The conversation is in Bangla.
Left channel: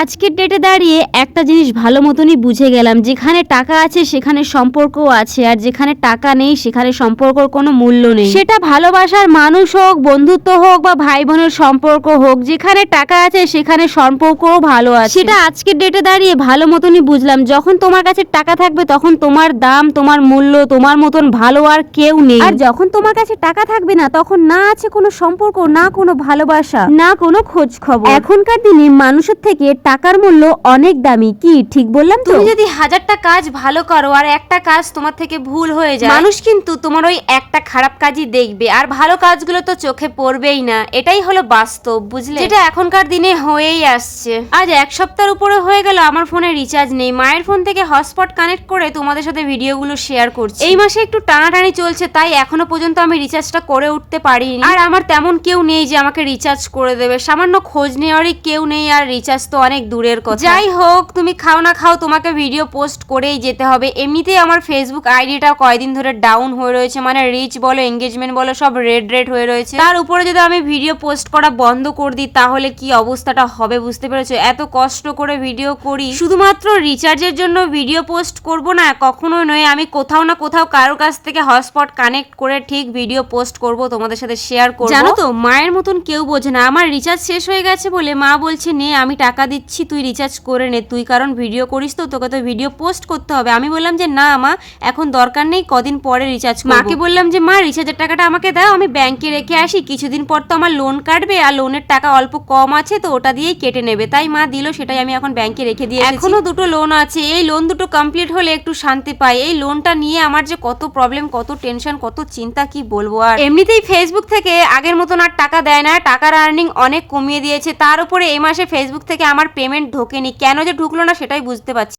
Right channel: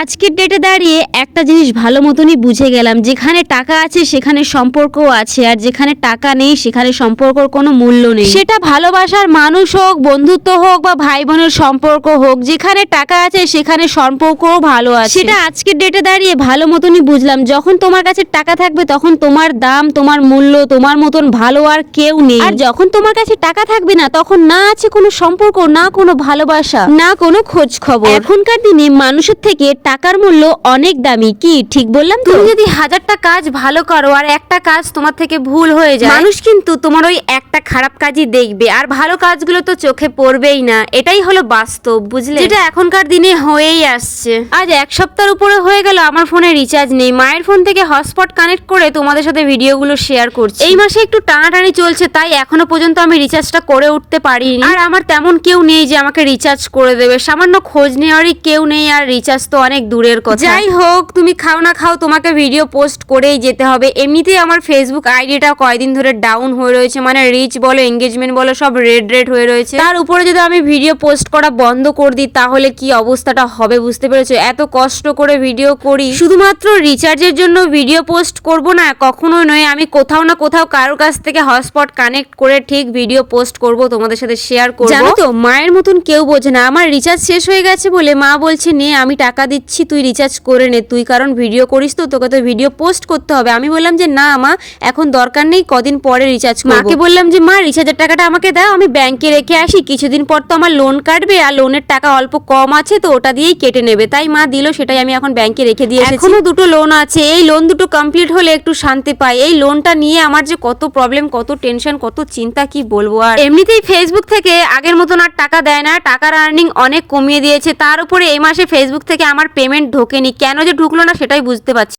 আজকের ডেটে দাঁড়িয়ে একটা জিনিস ভালো মতনই বুঝে গেলাম, যেখানে টাকা আছে সেখানে সম্পর্কও আছে, আর যেখানে টাকা নেই সেখানে সম্পর্কর কোনো মূল্য নেই। সেটা ভালোবাসার মানুষ হোক, বন্ধুত্ব হোক, বা ভাই বোনের সম্পর্ক হোক, যেখানে টাকা আছে সেখানে সম্পর্কও ভালো আছে। সেটা আজকের ডেটে দাঁড়িয়ে ভালো মতনই বুঝলাম। যখন তোমার কাছে টাকা থাকবে তখন তোমার দাম, তোমার মূল্য, তোমার মতন ভালো আর কেউ নেই। আর যখন তোমার কাছে টাকা থাকবে না, তখন না আছে কোনো সম্পর্ক, না কোনো ভালোবাসা, না কোনো খোঁজ খবর। এখনকার দিনে মানুষের থেকে টাকার মূল্য অনেক দামি। কি ঠিক বললাম তো? তুমি যদি 1000টা কাজ ভালো করো আর একটা কাজ তোমার থেকে ভুল হয়ে যায়, মানুষ কিন্তু তোমার ওই একটা খারাপ কাজই দেখবে, আর ভালো কাজগুলো তো চোখে পড়বেই না। এটাই হলো বাস্তব, বুঝলে? যেটা এখনকার দিনে হয়েই আসছে। আজ 1 সপ্তাহের উপরে হয়ে গেল আমার ফোনে রিচার্জ নেই। মায়ের ফোন থেকে হটস্পট কানেক্ট করে তোমাদের সাথে ভিডিওগুলো শেয়ার করছি। এই মাসে একটু টানাটানি চলছে, তাই এখনো পর্যন্ত আমি রিচার্জটা করে উঠতে পারিনি। আর আমার তেমন কেউ নেই যে আমাকে রিচার্জ করে দেবে। সামান্য খোঁজ নেওয়ারই কেউ নেই, আর রিচার্জ তো অনেক দূরের কথা। যাই হোক, তুমি খাও না খাও, তোমাকে ভিডিও পোস্ট করেই যেতে হবে। এমনিতেই আমার ফেসবুক আইডিটা কয়দিন ধরে ডাউন হয়ে রয়েছে, মানে রিচ বলো, এঙ্গেজমেন্ট বলো, সব রেড হয়ে রয়েছে। তার উপরে যদি আমি ভিডিও পোস্ট করা বন্ধ করে দিই তাহলে কি অবস্থাটা হবে, বুঝতে পেরেছো? এত কষ্ট করে ভিডিও করি, শুধুমাত্র রিচার্জের জন্য ভিডিও পোস্ট করব না, কখনোই নয়। আমি কোথাও না কোথাও কারোর কাছ থেকে হটস্পট কানেক্ট করে ঠিক ভিডিও পোস্ট করব, তোমাদের সাথে শেয়ার করব। জানো তো, মায়ের মতন কেউ বোঝে না। আমার রিচার্জ শেষ হয়ে গেছে বলে মা বলছে, নে আমি টাকা দিচ্ছি, তুই রিচার্জ করে নে, তুই কারণ ভিডিও করিস তো, তোকে তো ভিডিও পোস্ট করতে হবে। আমি বললাম যে না মা, এখন দরকার নেই, কদিন পরে রিচার্জ করব। মাকে বললাম যে মা, রিচার্জের টাকাটা আমাকে দাও, আমি ব্যাংকে রেখে আসি, কিছুদিন পর তো আমার লোন কাটবে, আর লোনের টাকা অল্প কম আছে, তো ওটা দিয়েই কেটে নেবে। তাই মা দিল, সেটাই আমি এখন ব্যাংকে রেখে দিয়ে এসেছি। এখনো 2টো লোন আছে, এই লোন 2টো কমপ্লিট হলে একটু শান্তি পাই। এই লোনটা নিয়ে আমার যে কত প্রবলেম, কত টেনশন, কত চিন্তা, কি বলবো। আর এমনিতেই ফেসবুক থেকে আগের মতন আর টাকা দেয় না, টাকার আর্নিং অনেক কমিয়ে দিয়েছে। তার উপরে এই মাসে ফেসবুক থেকে আমার পেমেন্ট ঢোকেনি। কেন যে ঢুকলো না সেটাই বুঝতে পারছি